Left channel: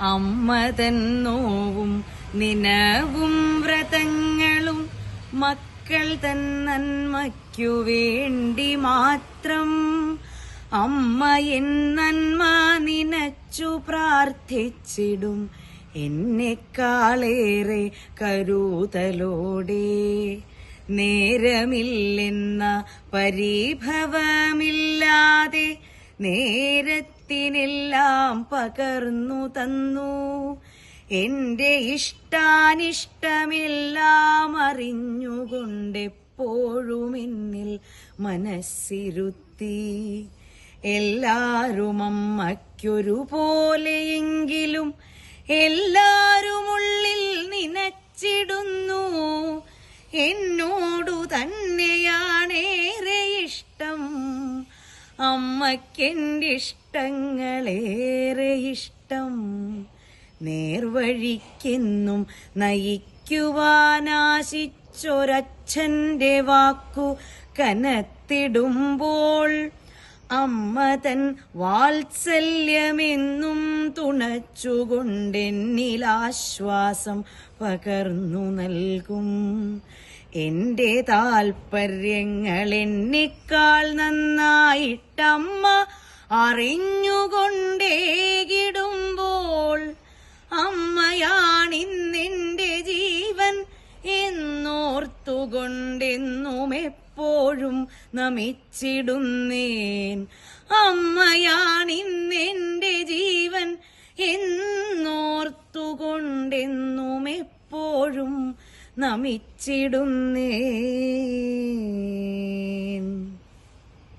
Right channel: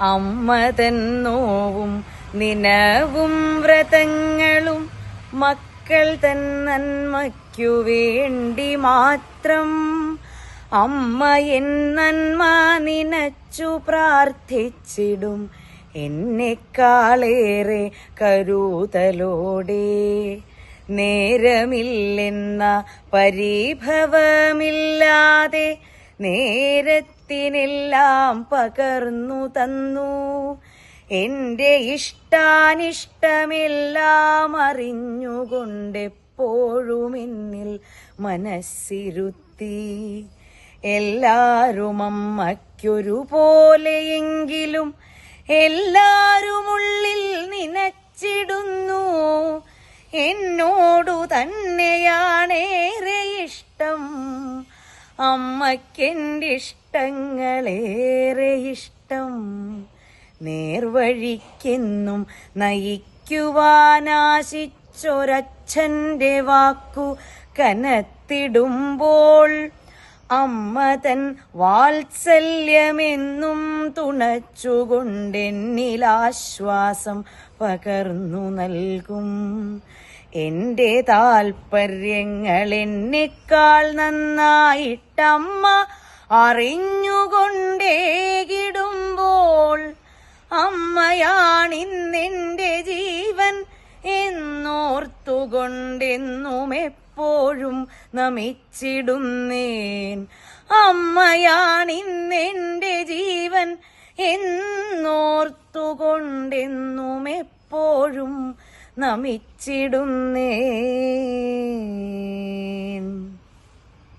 അമ്മ തൻ നോവും നിനവും വ്രതങ്ങളും മക്കൾ തൻ നന്മയ്ക്കു വേണ്ടി മാത്രം. അമ്മ എൻ നന്മ നിനച്ചു പ്രാർത്ഥിച്ചിടും എന്നെക്കാളേറെ കരുതലോടെ. നേരമില്ലെന്ന പരിഭവമില്ലാതെ നേരത്തിനെല്ലാം പകർന്നു തന്നു. എന്റെ ഇഷ്ടാനിഷ്ടമെല്ലാം അറിഞ്ഞുകൊണ്ടെപ്പോഴും എന്നിൽ മനസ്സിരുത്തി. എല്ലാരും അമ്മയ്ക്കൊരുപോലെയെങ്കിലും എല്ലാരുമുള്ളിൽ നിനച്ചിടുന്നു. എന്നോടു തന്നെയാണേറെ ഇഷ്ടം, അമ്മയ്ക്കെന്റെ ഇഷ്ടങ്ങളേറെ ഇഷ്ടം. നേർവഴിക്കെന്നും നയിക്കുവാനാശിച്ചൊരച്ഛന്റെ വാക്കു കനത്തിടുമ്പോൾ അമ്മ തൻ വാത്സല്യമെന്നും തുണച്ചുകൊണ്ടെന്നിലാശ്വാസം പകർന്നു നൽകും. എന്റെ താൽപര്യങ്ങൾ എന്നെക്കാൾ നന്നായിട്ടമ്മ അറിഞ്ഞുകൊണ്ടേകിടുമ്പോൾ അമ്മയാണിന്നെന്റെ ജീവൻ എന്നോർത്തുകൊണ്ടെന്നും എപ്പോഴും നമിച്ചിടുന്നേൻ. അമ്മയാണിന്നെന്റെ ജീവൻ എന്നോർത്തുകൊണ്ടെന്നും എപ്പോഴും നമിച്ചിടുന്നേൻ.